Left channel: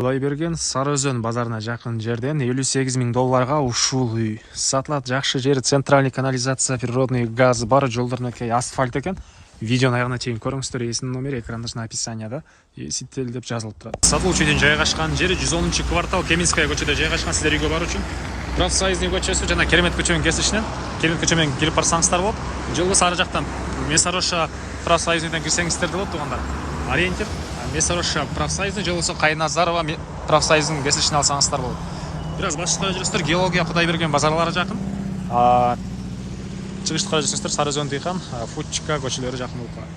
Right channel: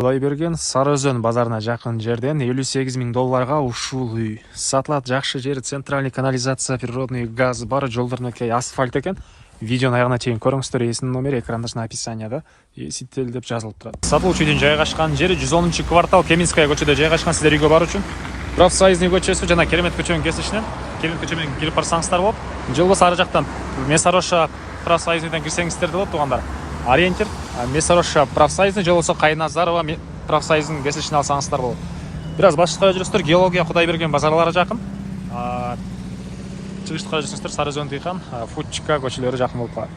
Құдайберген Сарыөзен базарына жақын жерден 58 000 долларға ушул үй. Сатылат, жақшы жері, центральный канализация, природный газ бар, жолдорунакей асфальт екен. Видеоны аяғына чейин көріңіздер, есінің номері экрандашна описанияда сител деп жазылып тұрады. Сатылуучу үйдүн жайгашкан жери 110 квартал Кеминская көчөдө жайгашкан. Сиздер үйгө баруу үчүн Профсоюзный көчөсү жана Керемет көчөнүн кесишинен Керемет көчө менен кирип барсаңыздар болот. Жылбы ары жактан Месароша Профсоюзныйдан кирсеңиздер болот туугандар. Ориентир Месароша Профсоюзный, же болбосо Кайназарова Профсоюзунун кесишин алсаңыздар болот. Бираз башка жүрөсүздөр, геология Кудайберген базарлары жакын. Чыгыштыкка жүрсөңүздөр Сарыөзөн Дыйкан, Фучка көчөлөрү жакын болуп калат.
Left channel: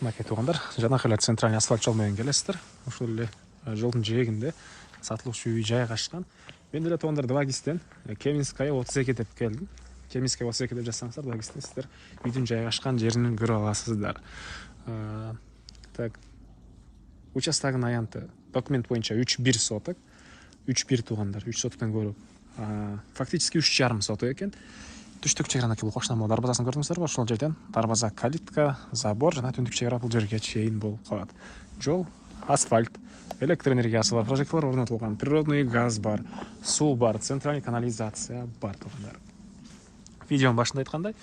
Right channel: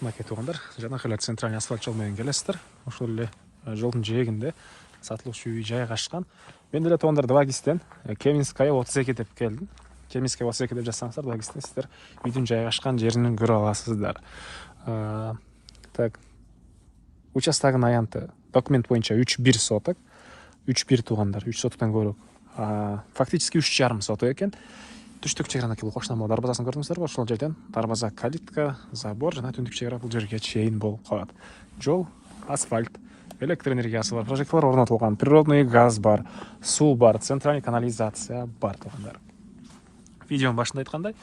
Мынакей туугандар, жанакы эле центральный асфальт жол менен келесиздер. Ошол эле жолдун жээгинде сатылуучу үй жайгашкан. Мен деле туугандар 2 Кеминская 32 деп келдим. Кеминская 32 деп жазсаңыздар, 2 сиздер үйдүн жайгашкан жерин көрө аласыздар. Так, участогунун аянты документ боюнча 3,1 соток. 3,1 туугандар, 3 соттан көрөк. Фактически 3,5 соток экен. Түштүк чегранакы бул кошуна могу дарбазасын көрдүңүздөрбү? Ошол жерден дарбаза, калитка, забор жана түндүк чегара бул жерге чейин болуп калат. Жол, асфальт, электр энергиясы бар, прожекторлор орнотулган, природный газ бар, суу бар, центральный канализация бар туугандар. Видеонун башында айткандай,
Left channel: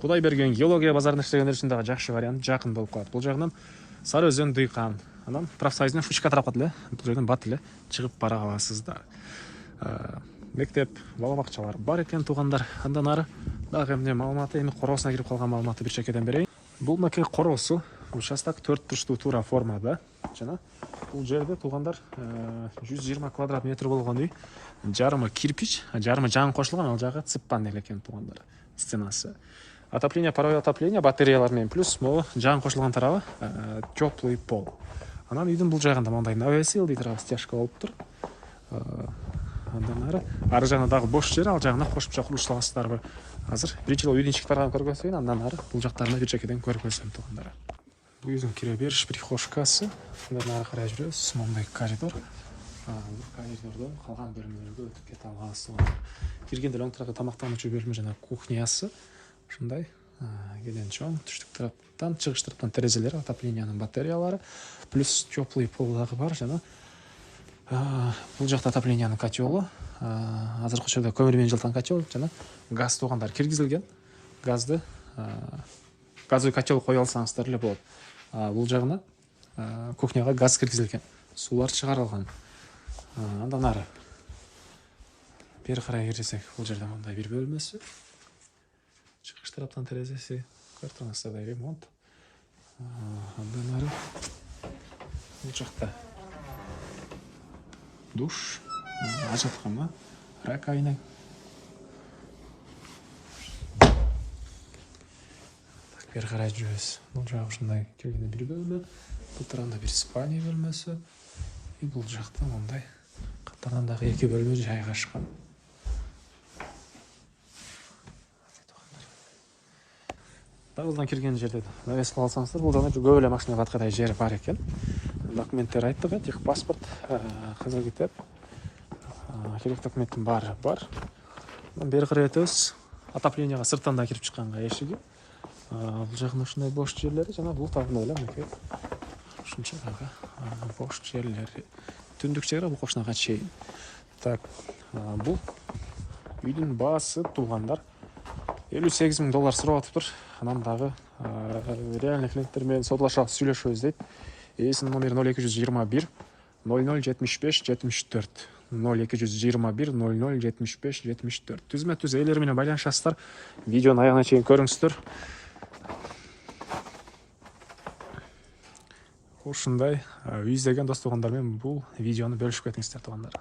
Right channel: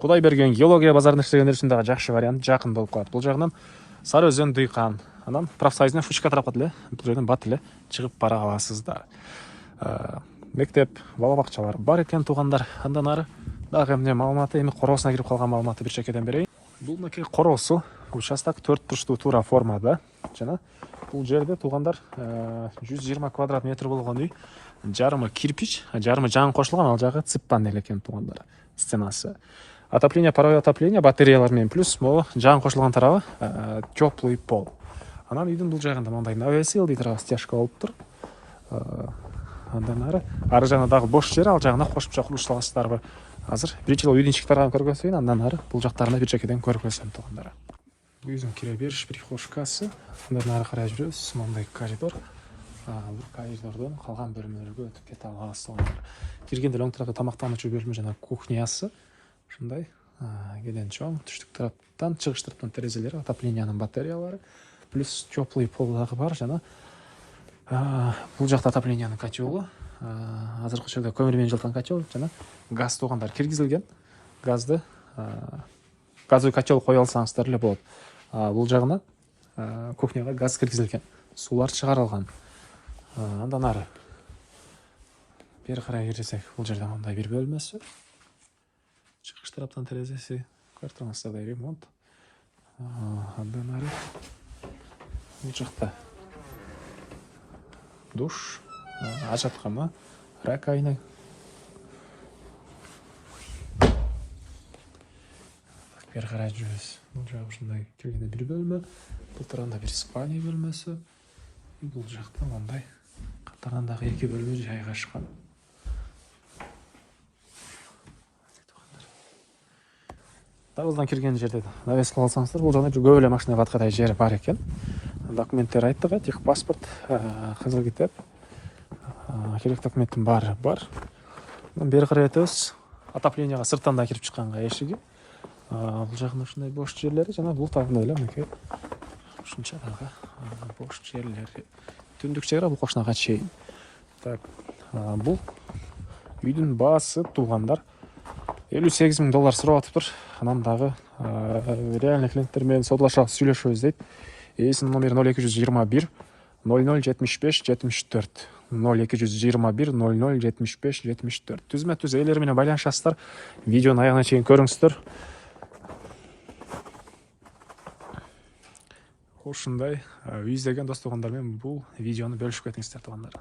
Кудайберген геология базарында иштегендер үчүн дагы жакшы вариант, жакын болуп калат. Бул жагынан Сарыөзөн Дыйкан, анан Профсоюзный Фучка тарапка деле бул жерден бат эле чыгып бара аласыздар. Мектеп, бала бакчалар бар экен туугандар. Андан ары дагы эмне маалыматы, эми короосуна кирип калган маалыматты бир чекеден берейин. Бул мекей короосу, участок 4 бурчтуу туура формада жана бул жерде туугандар 120 квадрат метр болгон үй. Жарымы кирпич, жарымы жаңы кошулган, ал жагы цып панель экен туугандар. Стенасы. Отопление, паровое отопление, батареялар менен плюс могу жаңы кошулган тарабы теплый пол. Анан үйдүн бул жагында мындай навесил дейт, стяжка болуп тур. Андан ары жагына дагы бош жер, ал жагына кошумча курулуш аласыздарбы? Азыр биринчи үйдүн ички тарабын көргөзөйүн, андан ары бул жактарына бир чекеден көргөзөм туугандар. Бул үйдүн кире бериш прихожкасы. Андан ары карай жүрөбүз, мындай коридор. Бул коридордон калган бөлмөлөргө өтүп кете аласыз. Киргенде оң тарапта тамактануучу бөлмө жана кухнясы. Ушундай кенен чоң, түштүк тараптан, чыгыш тараптан терезелери, отоплениянын батареялары, плюс теплый пол дагы бар жана бул жакта отоплениянын котелу, азыркы учурда көмүр менен жылыткан котел жана газ туугандар киргизилген. Газды газовый котел кое алсаңыздар эле болот. Бул жагына кухняга газ киргизилген, суулар чыгарылган. Андан ары бери карай кирсек, бул жерде мындай бир бөлмөсү. Чыгыш тараптан терезеси, картонасында ремонт. Андан ары бул жакта душ, ажаткана, раковина. Так, бери карай жүрөбүз. Бул жагы ушундай киргенде бир бөлмө, бул тарабында бир спальня бөлмөсү. Бул жакта мындай катарынан дагы 2 бөлмө жайгашкан. Дарбаздан кирген жерде навес кылсаңыздар, бул жакта көп эле машина каткадай жер бар экен. Документтер айттык, техпаспорт, кызыл китеп, керек документтин баары бар. Бери карай өтөбүз. Отопленияга сырттан да кирип чыкканга эшиги. Бул жагында ушундай бош жерлери жана бул тарабында эле мындай ушунча дагы бош жерлери. Түндүк чегара бул кошунага чейин. Так, бул үйдүн баасы туугандар 58 000 доллар сурап атыптыр. Анан дагы реальный клиенттер менен содалашабыз, сүйлөшөбүз дейт. Эсинин номери 0221 0075 74. 0221 0075 74. Түзмө-түз ээлери менен байланышасыздар. Видеонун аягына чейин көрүңүздөр. Ушундай үй издеген дос туугандар менен бул видеону бөлүшүп кетиңиздер туугандар.